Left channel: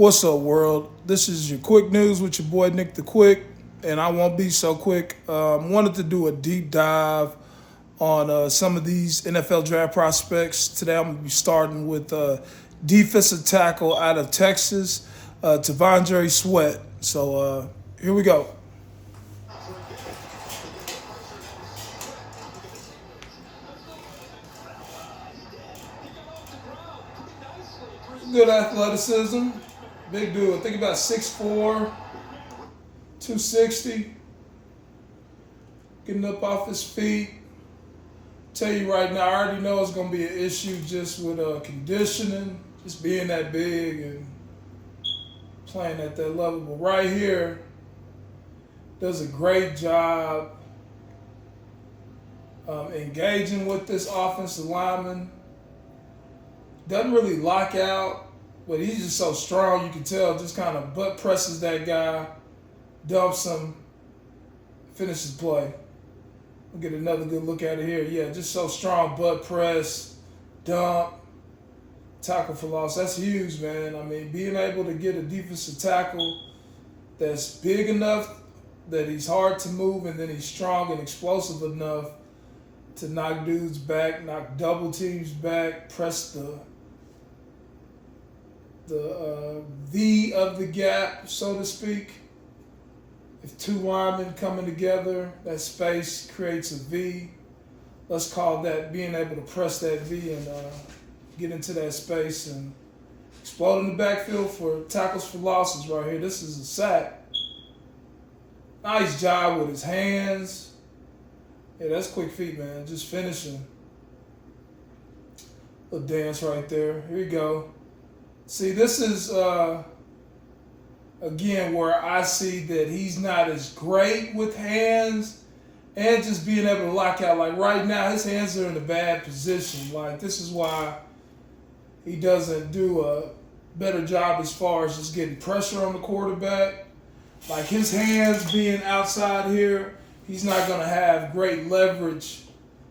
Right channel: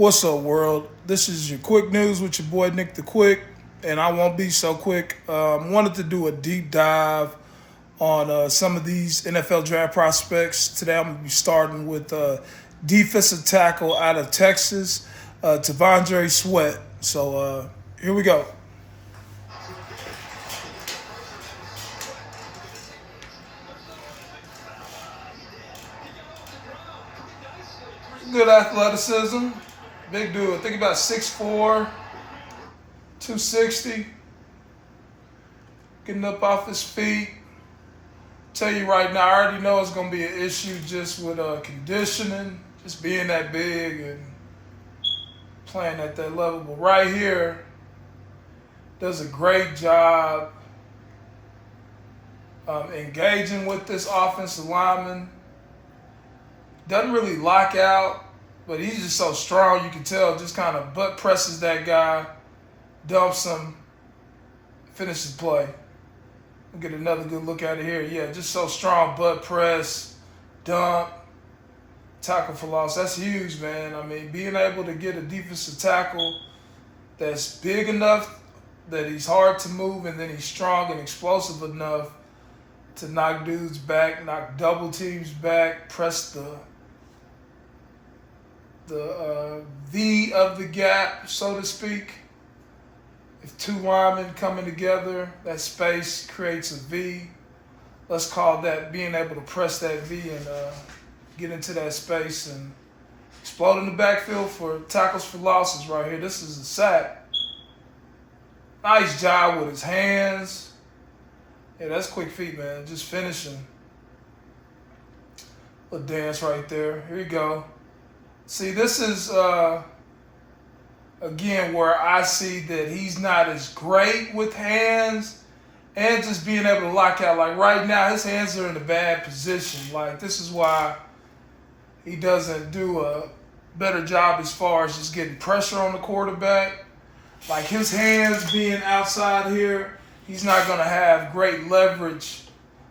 What's up, world? This is your quick news with your boy Nick the Quick, and I won't be so quick. Wanted to do a deep dive on some of these NFL draft prospects. Today I'm going to be starting with defensive tackle out of Texas, T'Vondre Sweat. So here we go. Good athleticism. Big dude. I think about 6'4", 260. Getting up off his feet. Tell you right now, I already know it's going to be an issue just with conditioning, just being that big and playing at that level. But right here, does a great job engaging with this offensive lineman. Doesn't really lock out, but he's just so strong. You can tell, just kind of butt presses that guy, dumps him, finishes play. We'll get another good look at it here. Yeah, just so strong, butt press, dump, tackle for loss. That's huge, man. I mean, being able to get a defensive tackle that's big enough that he's hard to move, and then he's strong and explosive enough to knock dudes back, knock double teams back, press the V of the gap, so to speak. If two linemen coming together, that space creates a V. Let's call that being able to press that V and get into that space and explode in the backfield for tackles for losses right here. This is a sack. Nice job with his hands. Yeah, that's quick feet, man. Just finishing. Little dance right there. Here you go. See, this is, again, where I see that he's not as great with hands and just being able to lock out. Like right now, his hands are in a bad position. Like this is why he doesn't do a better job as far as just getting pressure on the quarterback. Like his hands being outside here, he's not going to have great leverage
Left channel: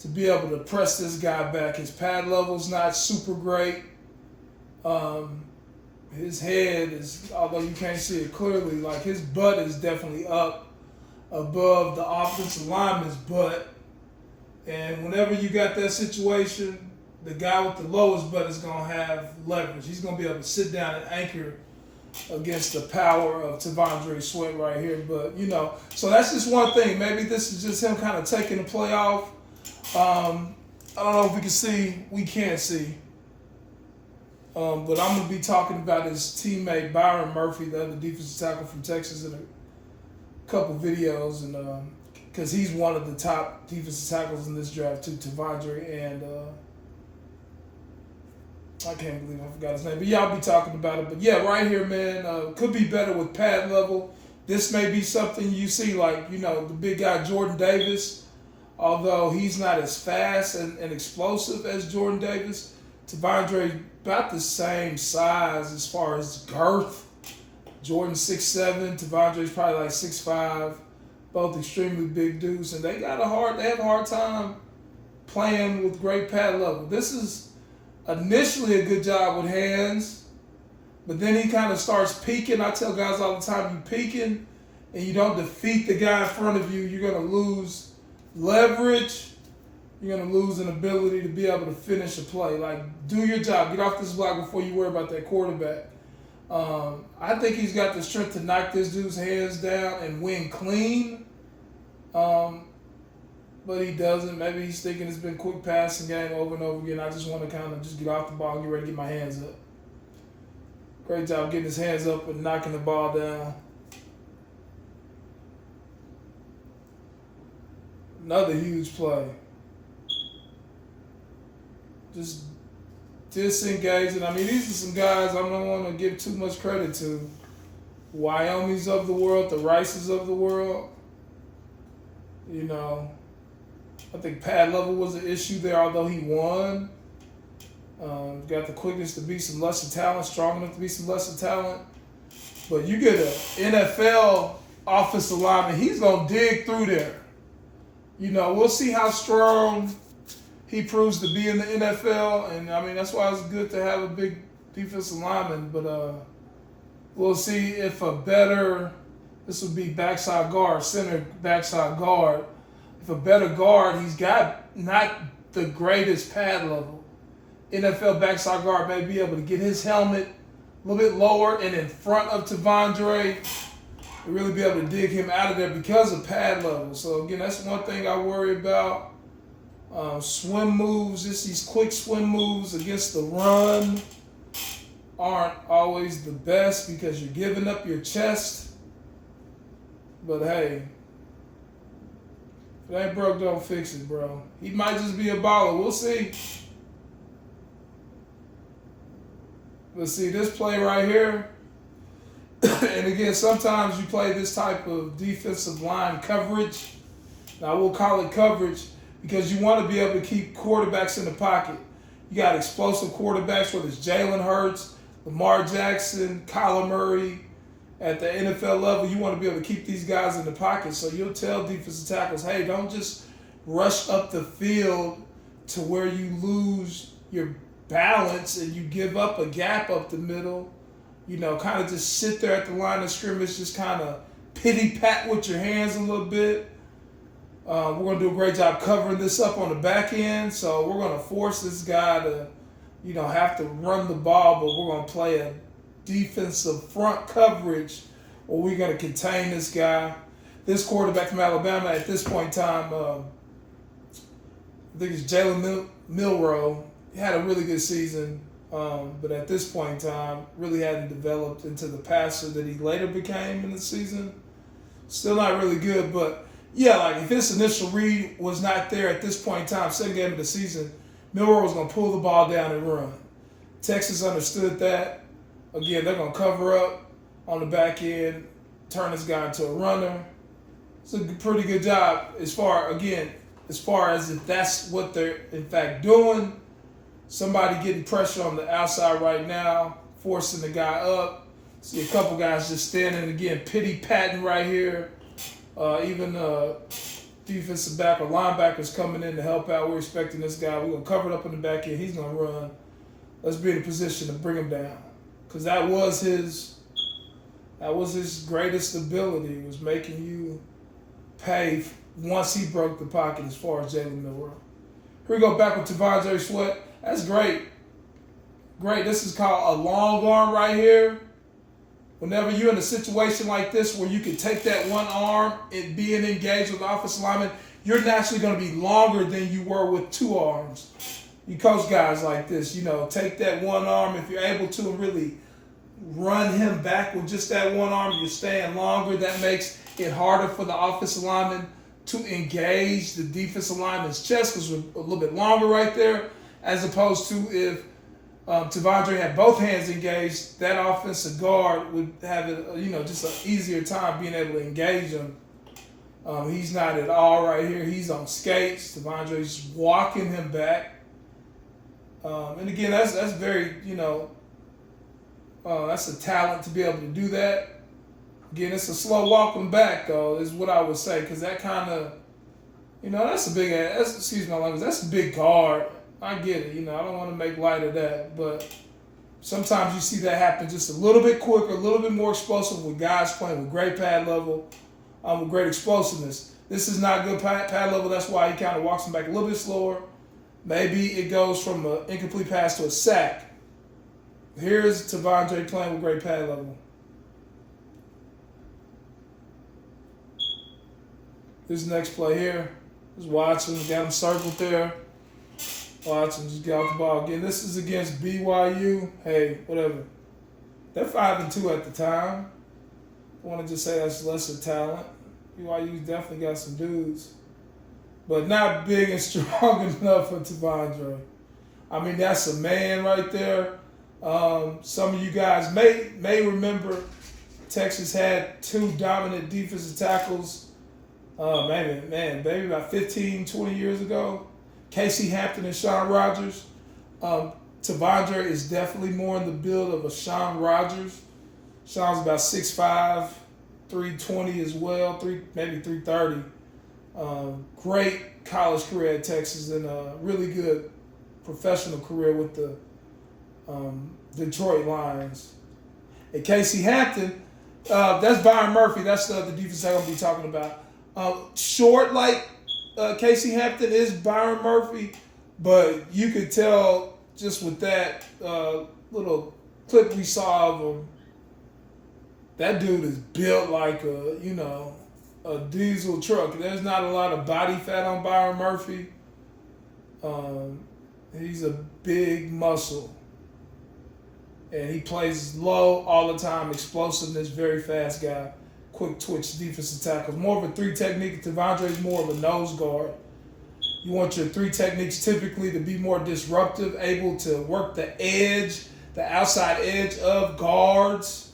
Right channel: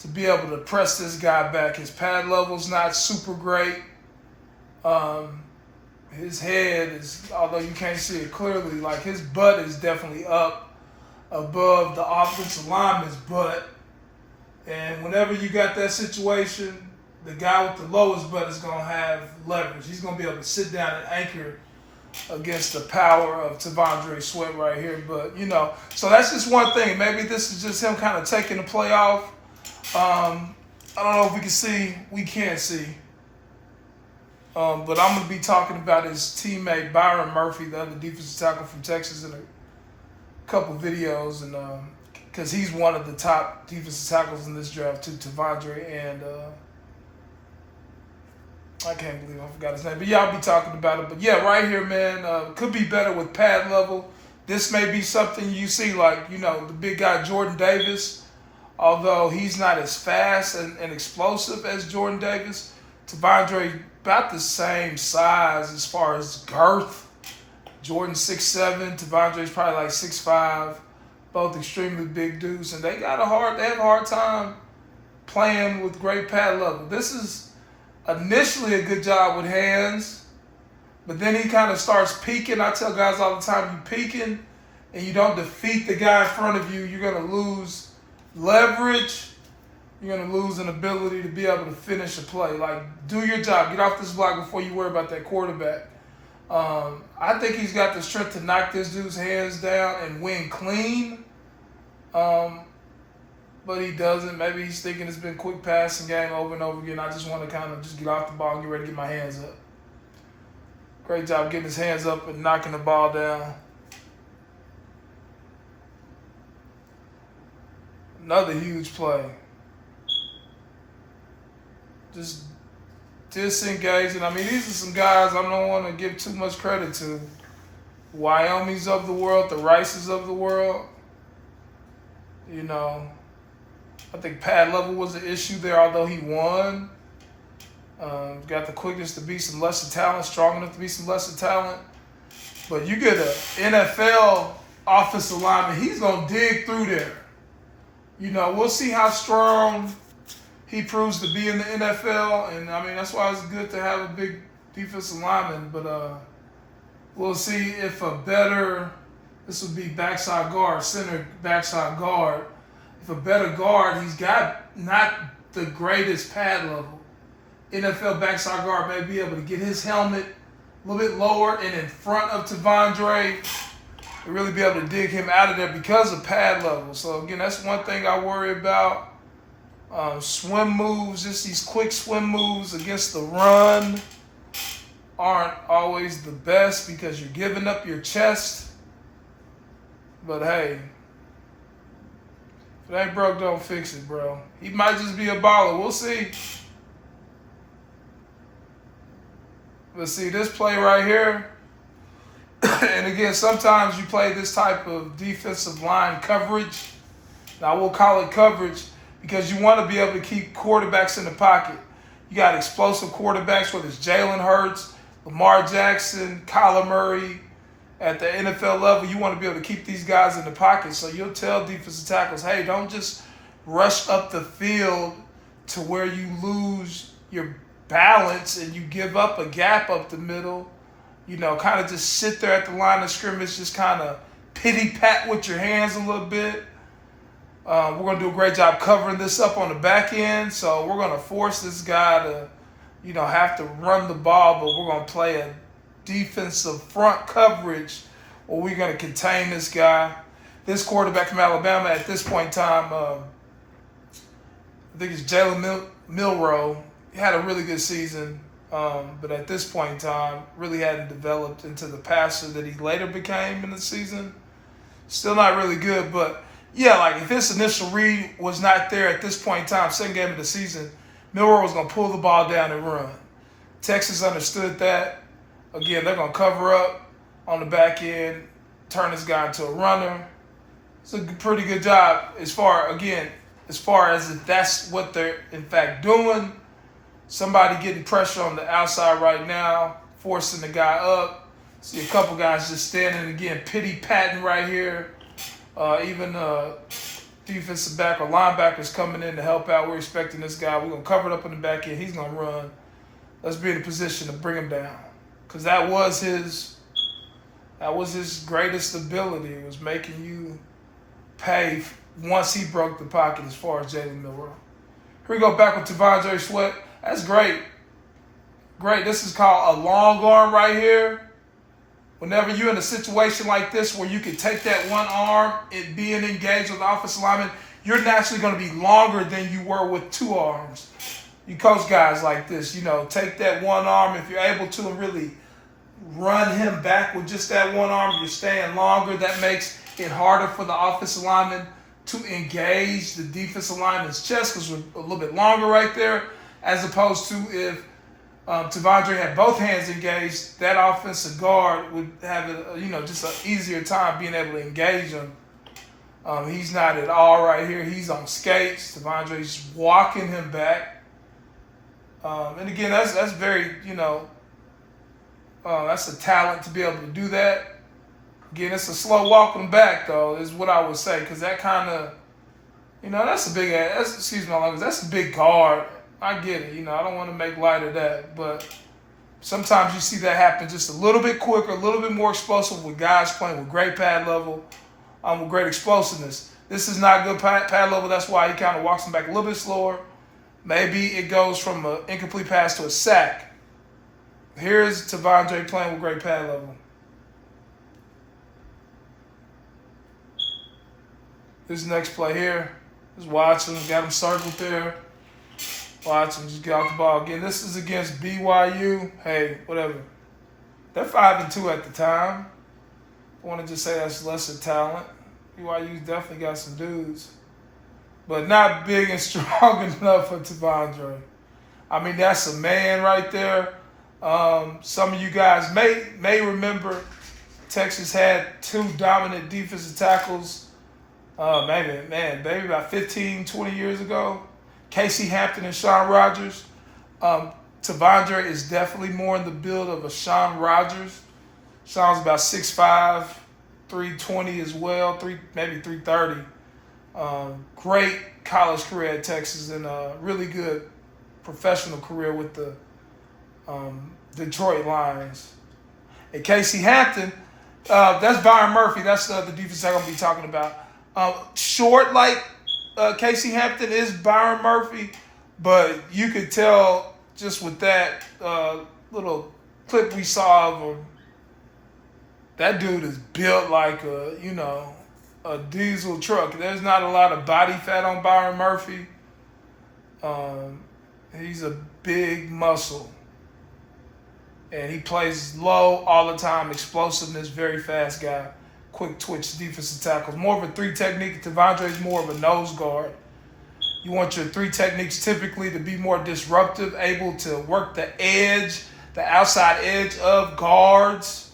to be able to press this guy back. His pad level's not super great. His head is, although you can't see it clearly, like his butt is definitely up above the offensive lineman's butt. And whenever you got that situation, the guy with the lowest butt is going to have leverage. He's going to be able to sit down and anchor against the power of T'Vondre Sweat right here. But, you know, so that's just one thing. Maybe this is just him kind of taking the play off. I don't know if we can see. We can't see. But I'm going to be talking about his teammate Byron Murphy, the other defensive tackle from Texas, in a couple videos, and because he's one of the top defensive tackles in this draft too, T'Vondre, and I can't believe I forgot his name. But yeah, I'll be talking about it. But yeah, right here, man, could be better with pad level. This may be something you see, like, you know, the big guy Jordan Davis, although he's not as fast and explosive as Jordan Davis. T'Vondre about the same size as far as girth. Jordan 6'7", T'Vondre's probably like 6'5", both extremely big dudes, and they have a hard time playing with great pad level. This is initially a good job with hands, but then he kind of starts peaking. I tell guys all the time, you peaking and you don't defeat the guy in front of you, you're going to lose leverage. You're going to lose an ability to be able to finish a play. Like, do your job. Get off this block before you worry about that quarterback. I think he's got the strength to knock this dude's hands down and win clean. But he doesn't. Maybe he's thinking it's been quick passing game over and over again. I just want to kind of just get off the ball and get ready to get my hands up. Great job getting his hands up and knocking the ball down. Another huge play. Just disengaging. I mean, these are some guys I don't want to give too much credit to. Wyoming's of the world, the Rices of the world. You know, I think pad level was an issue there, although he won. Got the quickness to beat some lesser talent, strong enough to beat some lesser talent. But you get an NFL offensive lineman, he's going to dig through there. You know, we'll see how strong he proves to be in the NFL, and I mean that's why it's good to have a big defensive lineman. But We'll see if a better, this would be backside guard, center backside guard. If a better guard, he's got not the greatest pad level. NFL backside guard may be able to get his helmet a little bit lower and in front of T'Vondre and really be able to dig him out of there because of pad level. So again, that's one thing I worry about. Swim moves, just these quick swim moves against the run aren't always the best because you're giving up your chest. But hey, if it ain't broke, don't fix it, bro. He might just be a baller. We'll see. But see, this play right here, and again, sometimes you play this type of defensive line coverage. Now, we'll call it coverage because you want to be able to keep quarterbacks in the pocket. You got explosive quarterbacks, whether it's Jalen Hurts, Lamar Jackson, Kyler Murray. At the NFL level, you want to be able to keep these guys in the pocket. So you'll tell defensive tackles, hey, don't just rush up the field to where you lose your balance and you give up a gap up the middle. You know, kind of just sit there at the line of scrimmage, just kind of pity-pat with your hands a little bit. We're going to do a great job covering this up on the back end. So we're going to force this guy to, you know, have to run the ball, but we're going to play a defensive front coverage where we're going to contain this guy. This quarterback from Alabama at this point in time, I think it's Jalen Milroe. He had a really good season, but at this point in time, really hadn't developed into the passer that he later became in the season. Still not really good, but yeah, like if his initial read was not there at this point in time, second game of the season, Milroe was going to pull the ball down and run. Texas understood that. Again, they're going to cover up on the back end, turn this guy into a runner. It's a pretty good job as far as if that's what they're in fact doing. Somebody getting pressure on the outside right now, forcing the guy up. See a couple guys just standing again, pity-patting right here. Even defensive back or linebackers coming in to help out. We're expecting this guy. We're going to cover it up in the back end. He's going to run. Let's be in a position to bring him down. Because that was his greatest ability, was making you pay once he broke the pocket as far as Jalen Milroe. Here we go back with T'Vondre Sweat. That's great. Great. This is called a long arm right here. Whenever you're in a situation like this where you can take that one arm and being engaged with the offensive lineman, you're naturally going to be longer than you were with two arms. You coach guys like this, you know, take that one arm. If you're able to really run him back with just that one arm, you're staying longer. That makes it harder for the offensive lineman to engage the defensive lineman's chest because we're a little bit longer right there, as opposed to if T'Vondre had both hands engaged, that offensive guard would have just an easier time being able to engage him. He's not at all right here. He's on skates. T'Vondre's walking him back. And again, that's very, that's a talent to be able to do that. Again, it's a slow walking back, though, is what I would say, because that kind of, that's a big ass. Excuse my language. That's a big guard. I get it. I don't want to make light of that, but sometimes you see that happen just a little bit quicker, a little bit more explosive with guys playing with great pad level, with great explosiveness. This is not good pad level. That's why he kind of walks him back a little bit slower. Maybe it goes from an incomplete pass to a sack. Here's T'Vondre playing with great pad level. This next play here is Watson. Got him circled there. Watson just got the ball. Again, this is against BYU. Hey, whatever. They're 5-2 at the time. I want to just say that's lesser talent. BYU definitely got some dudes, but not big and strong enough for T'Vondre. I mean, that's a man right there. Some of you guys may remember Texas had two dominant defensive tackles, maybe about 15, 20 years ago. Casey Hampton and Shaun Rogers. T'Vondre is definitely more in the build of a Shaun Rogers. Shaun's about 6'5", 320 as well, maybe 330. Great college career at Texas and a really good professional career with the Detroit Lions. And Casey Hampton, that's Byron Murphy. That's the defense I'm going to be talking about. Short like Casey Hampton is Byron Murphy, but you could tell just with that little clip we saw of him, that dude is built like a diesel truck. There's not a lot of body fat on Byron Murphy. He's a big muscle. And he plays low all the time, explosiveness, very fast guy, quick twitch defensive tackle. More of a three technique. T'Vondre's more of a nose guard. You want your three techniques typically to be more disruptive, able to work the edge, the outside edge of guards.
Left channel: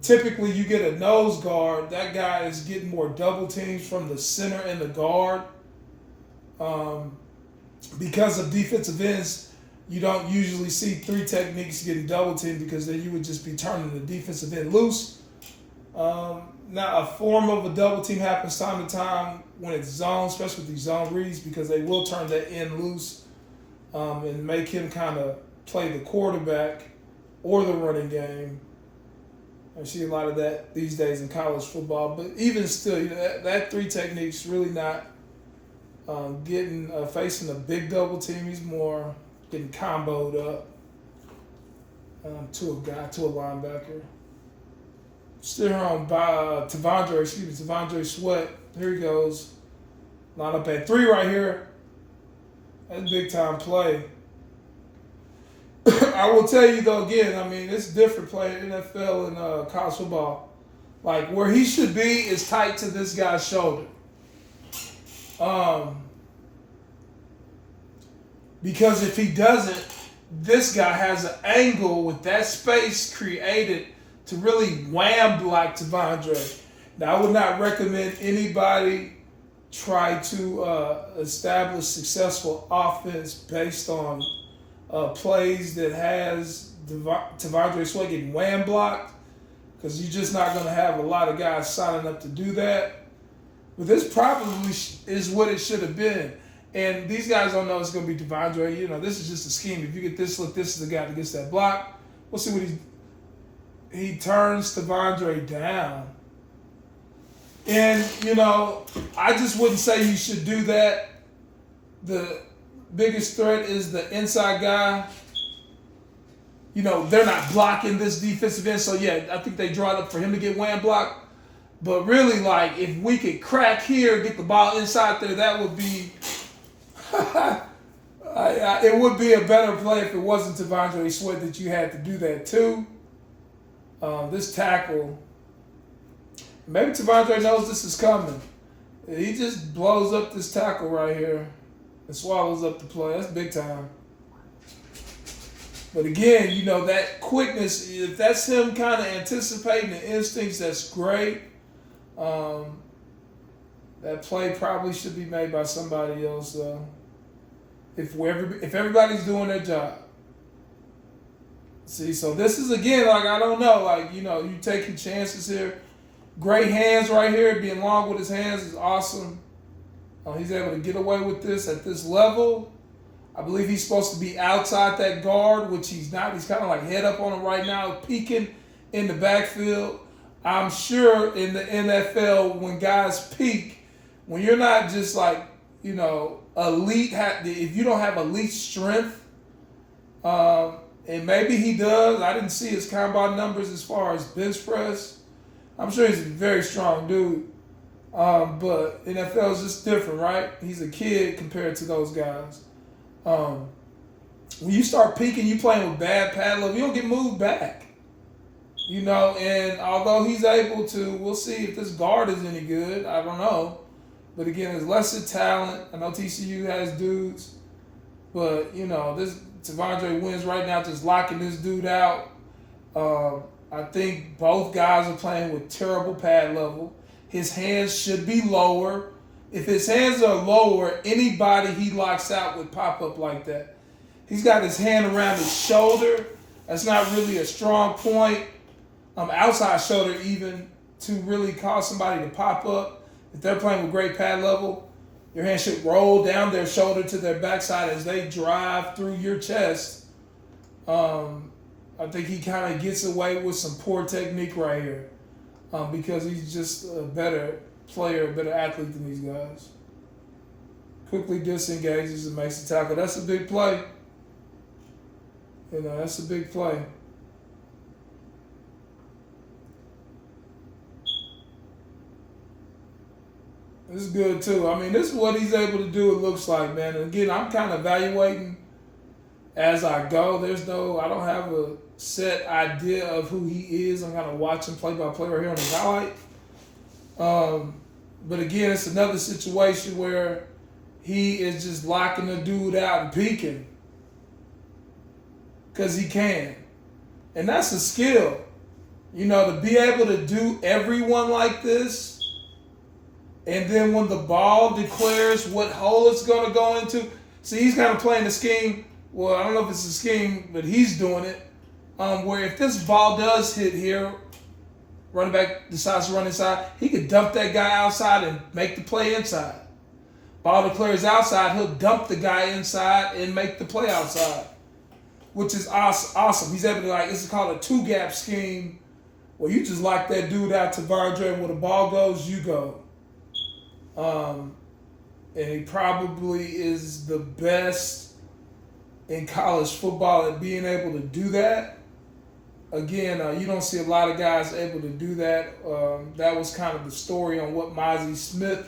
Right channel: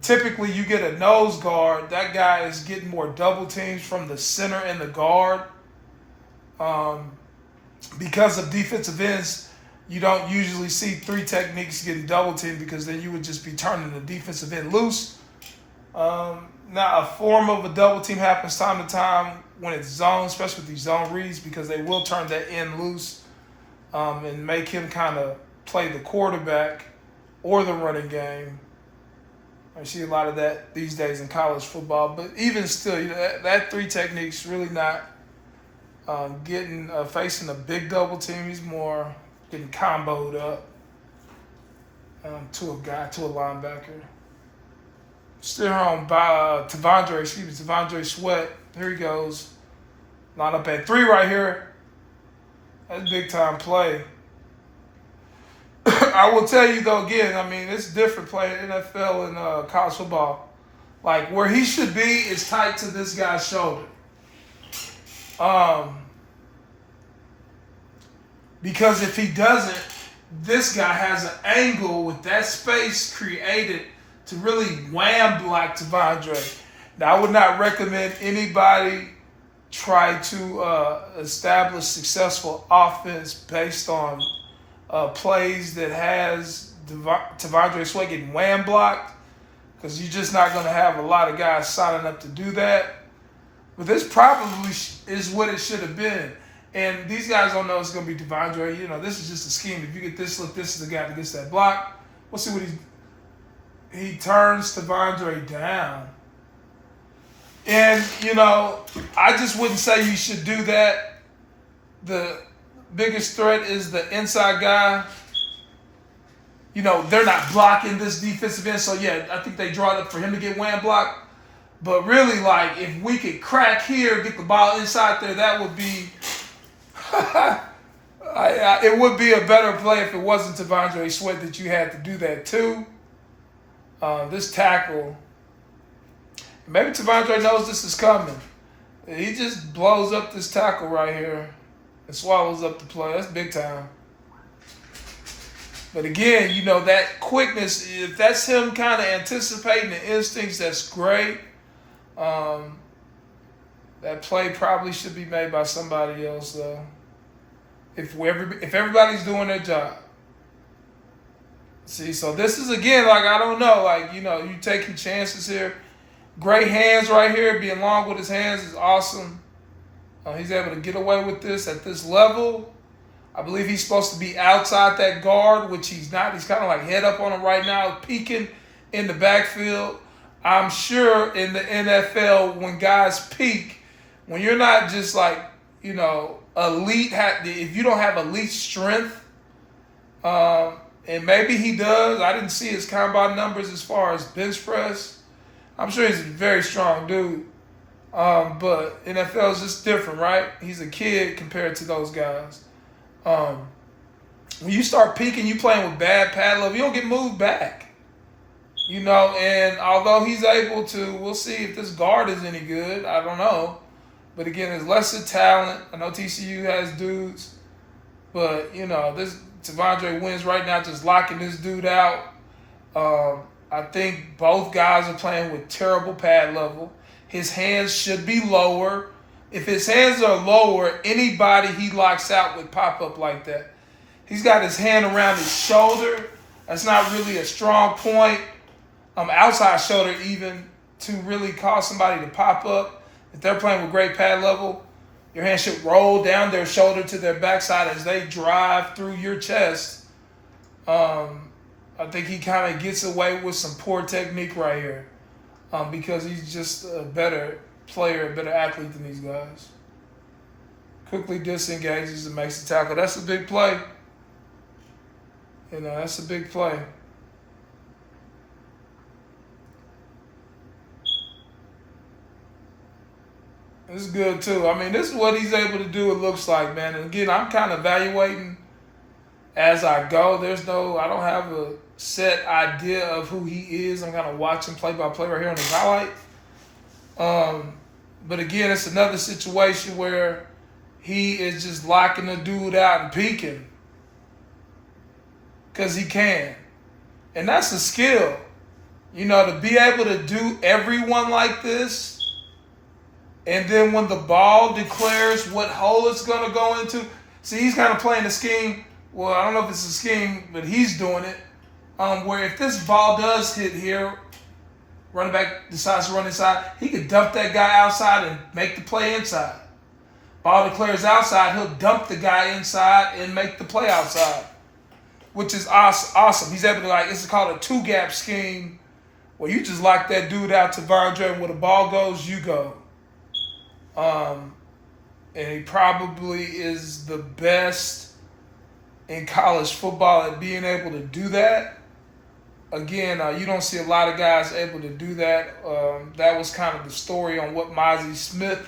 Typically, you get a nose guard. That guy is getting more double teams from the center and the guard. Because of defensive ends, you don't usually see three techniques getting double teamed because then you would just be turning the defensive end loose. Now, a form of a double team happens time to time when it's zone, especially with these zone reads, because they will turn that end loose and make him kind of play the quarterback or the running game. I see a lot of that these days in college football, but even still, that three techniques really not facing a big double team. He's more getting comboed up to a linebacker. Still on by T'Vondre Sweat. Here he goes. Line up at 3 right here. That's big time play. I will tell you though, again, I mean, it's different playing NFL and college football. Like where he should be is tight to this guy's shoulder. Because if he doesn't, this guy has an angle with that space created to really wham block T'Vondre. Now, I would not recommend anybody try to establish successful offense based on plays that has T'Vondre Sweat getting wham blocked, because you're just not going to have a lot of guys signing up to do that. But this probably is what it should have been. And these guys don't know it's going to be T'Vondre. This is just a scheme. If you get this look, this is the guy that gets that block. We'll see what he turns T'Vondre down. And, I just wouldn't say you should do that. The biggest threat is the inside guy. They're not blocking this defensive end. So, yeah, I think they draw it up for him to get wham blocked. But really, like, if we could crack here, get the ball inside there, that would be it would be a better play if it wasn't T'Vondre Sweat that you had to do that too. This tackle, maybe T'Vondre knows this is coming. He just blows up this tackle right here and swallows up the play. That's big time. But again, that quickness, if that's him kind of anticipating the instincts, that's great. That play probably should be made by somebody else, though. If everybody's doing their job. See, so this is, again, like, I don't know. Like, you taking chances here. Great hands right here. Being long with his hands is awesome. He's able to get away with this at this level. I believe he's supposed to be outside that guard, which he's not. He's kind of like head up on him right now, peeking in the backfield. I'm sure in the NFL, when guys peak, when you're not just like, elite, if you don't have elite strength, and maybe he does. I didn't see his combine numbers as far as bench press. I'm sure he's a very strong dude. But NFL is just different, right? He's a kid compared to those guys. When you start peaking, you playing with bad pad level, you don't get moved back. And although he's able to, we'll see if this guard is any good. I don't know. But again, there's lesser talent. I know TCU has dudes. But, this T'Vondre wins right now just locking this dude out. I think both guys are playing with terrible pad level. His hands should be lower. If his hands are lower, anybody he locks out would pop up like that. He's got his hand around his shoulder. That's not really a strong point. Outside shoulder even, to really cause somebody to pop up. If they're playing with great pad level, your hand should roll down their shoulder to their backside as they drive through your chest. I think he kind of gets away with some poor technique right here because he's just a better player, a better athlete than these guys. Quickly disengages and makes the tackle. That's a big play. That's a big play. This is good too. I mean, this is what he's able to do, it looks like, man. And again, I'm kind of evaluating as I go. I don't have a set idea of who he is. I'm kind of watching play by play right here on the highlight. But again, it's another situation where he is just locking the dude out and peeking because he can. And that's a skill. To be able to do everyone like this. And then when the ball declares what hole it's going to go into, see, he's kind of playing the scheme. Well, I don't know if it's a scheme, but he's doing it. Where if this ball does hit here, running back decides to run inside, he could dump that guy outside and make the play inside. Ball declares outside, he'll dump the guy inside and make the play outside, which is awesome. He's able to, this is called a two-gap scheme, where you just lock that dude out to Tavondre, and where the ball goes, you go. And he probably is the best in college football at being able to do that. Again, you don't see a lot of guys able to do that. That was kind of the story on what Mazi Smith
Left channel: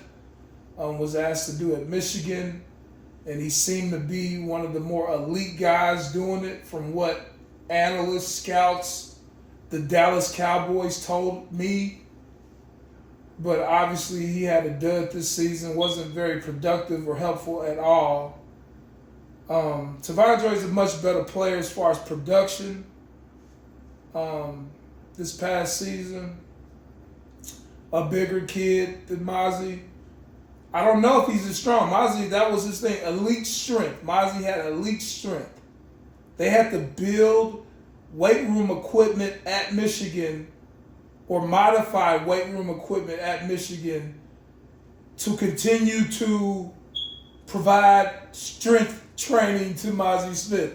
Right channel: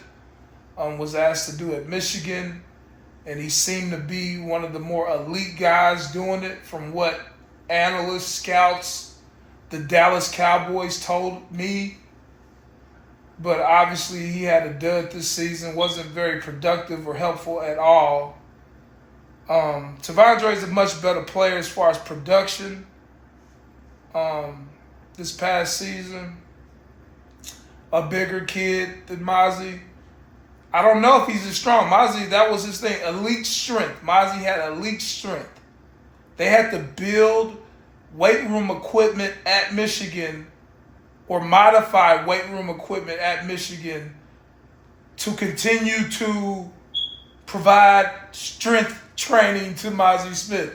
was asked to do at Michigan. And he seemed to be one of the more elite guys doing it, from what analysts, scouts, the Dallas Cowboys told me. But obviously he had a dud this season, wasn't very productive or helpful at all. Tavondre is a much better player as far as production this past season. A bigger kid than Mazi. I don't know if he's as strong. Mazi, that was his thing, elite strength. Mazi had elite strength. They had to build weight room equipment at Michigan, or modify weight room equipment at Michigan, to continue to provide strength training to Mazi Smith.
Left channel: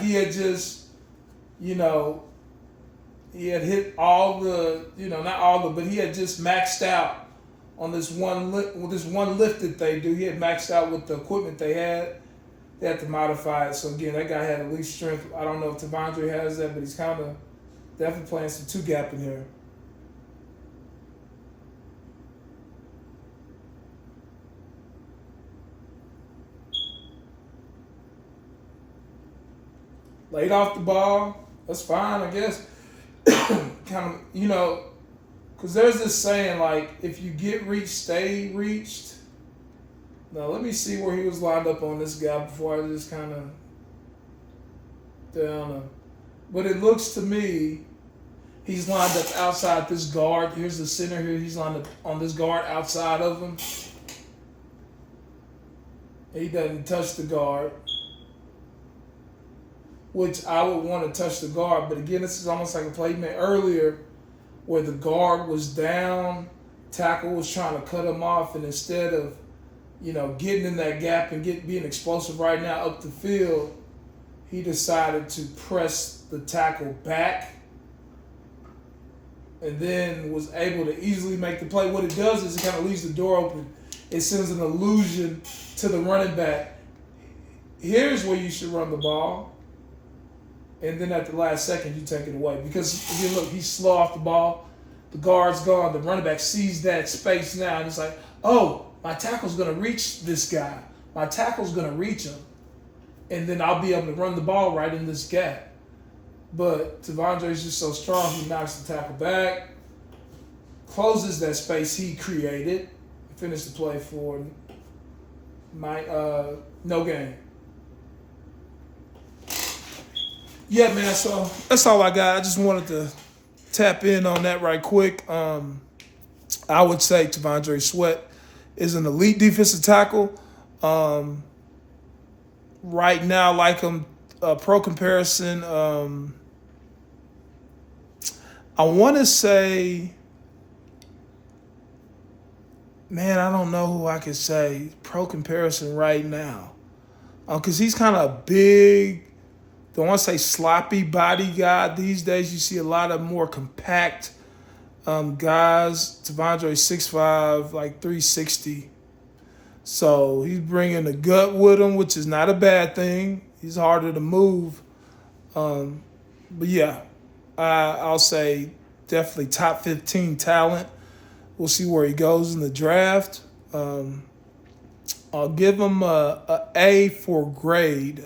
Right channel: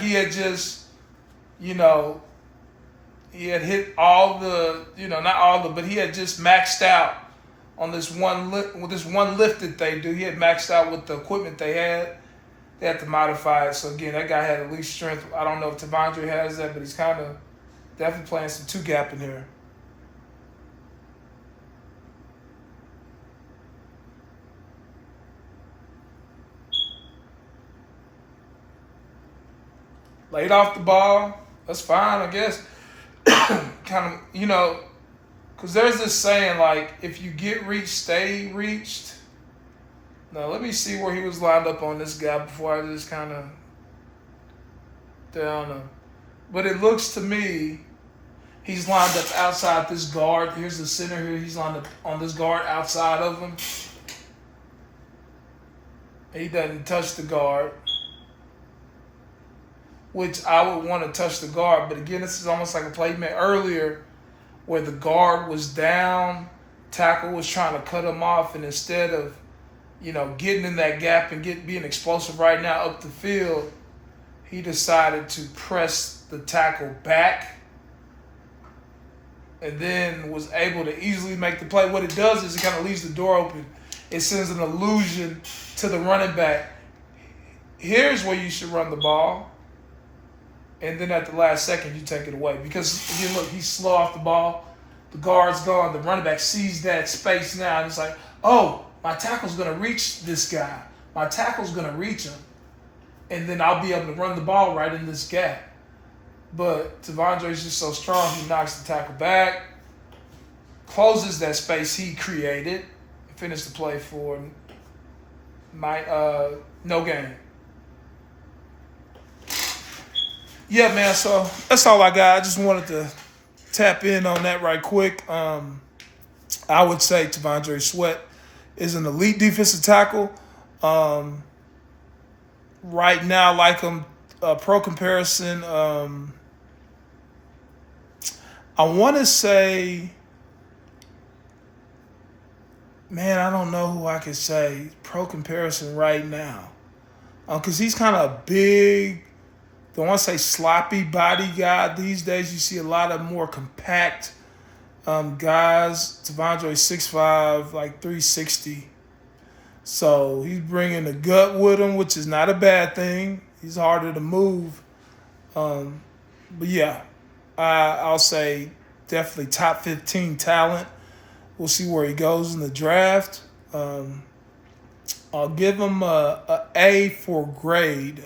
He had just, he had hit all the, not all the, but he had just maxed out on this one lift that they do. He had maxed out with the equipment they had. They had to modify it. So again, that guy had elite strength. I don't know if Tavondre has that, but he's kind of definitely playing some two-gap in here. Laid off the ball. That's fine, I guess. Kind of, because there's this saying, if you get reached, stay reached. Now, let me see where he was lined up on this guy before I just kind of down. But it looks to me he's lined up outside this guard. Here's the center here. He's lined up on this guard outside of him. He doesn't touch the guard, which I would want to touch the guard. But again, this is almost like a play made earlier where the guard was down, tackle was trying to cut him off, and instead of, getting in that gap and being explosive right now up the field, he decided to press the tackle back and then was able to easily make the play. What it does is it kind of leaves the door open. It sends an illusion to the running back. Here's where you should run the ball. And then at the last second, you take it away. Because, again, look, he's slow off the ball. The guard's gone. The running back sees that space now. And it's like, oh, my tackle's going to reach this guy. My tackle's going to reach him. And then I'll be able to run the ball right in this gap. But Tavondre's just so strong, he knocks the tackle back, closes that space he created, and finished the play for no gain. Yeah, man, so that's all I got. I just wanted to tap in on that right quick. I would say T'Vondre Sweat is an elite defensive tackle. Right now, like him, pro comparison, I want to say, man, I don't know who I could say pro comparison right now. Because he's kind of a big don't want to say sloppy body guy. These days you see a lot of more compact guys. T'Vondre 6'5", like 360. So he's bringing the gut with him, which is not a bad thing. He's harder to move. But yeah, I'll say definitely top 15 talent. We'll see where he goes in the draft. I'll give him a A for grade,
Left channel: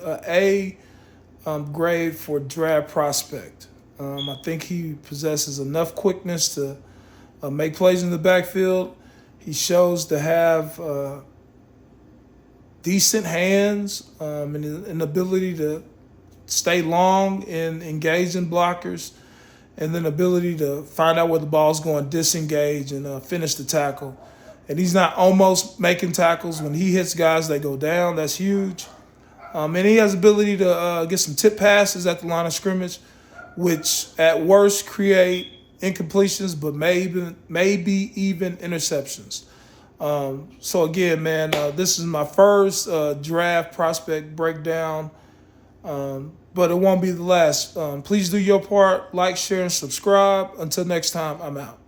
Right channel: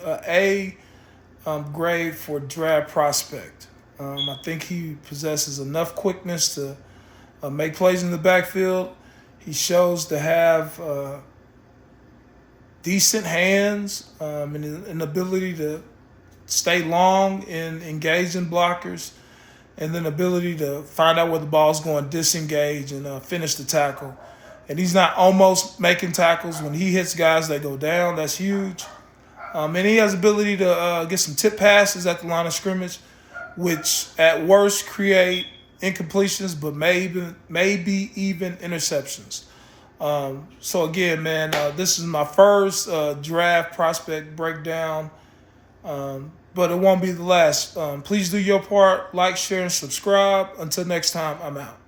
grade for draft prospect. I think he possesses enough quickness to make plays in the backfield. He shows to have decent hands and an ability to stay long and engage in blockers, and then ability to find out where the ball's going, disengage, and finish the tackle. And he's not almost making tackles. When he hits guys, they go down. That's huge. And he has ability to get some tip passes at the line of scrimmage, which at worst create incompletions, but maybe even interceptions. So again, man, this is my first draft prospect breakdown, but it won't be the last. Please do your part, like, share, and subscribe. Until next time, I'm out.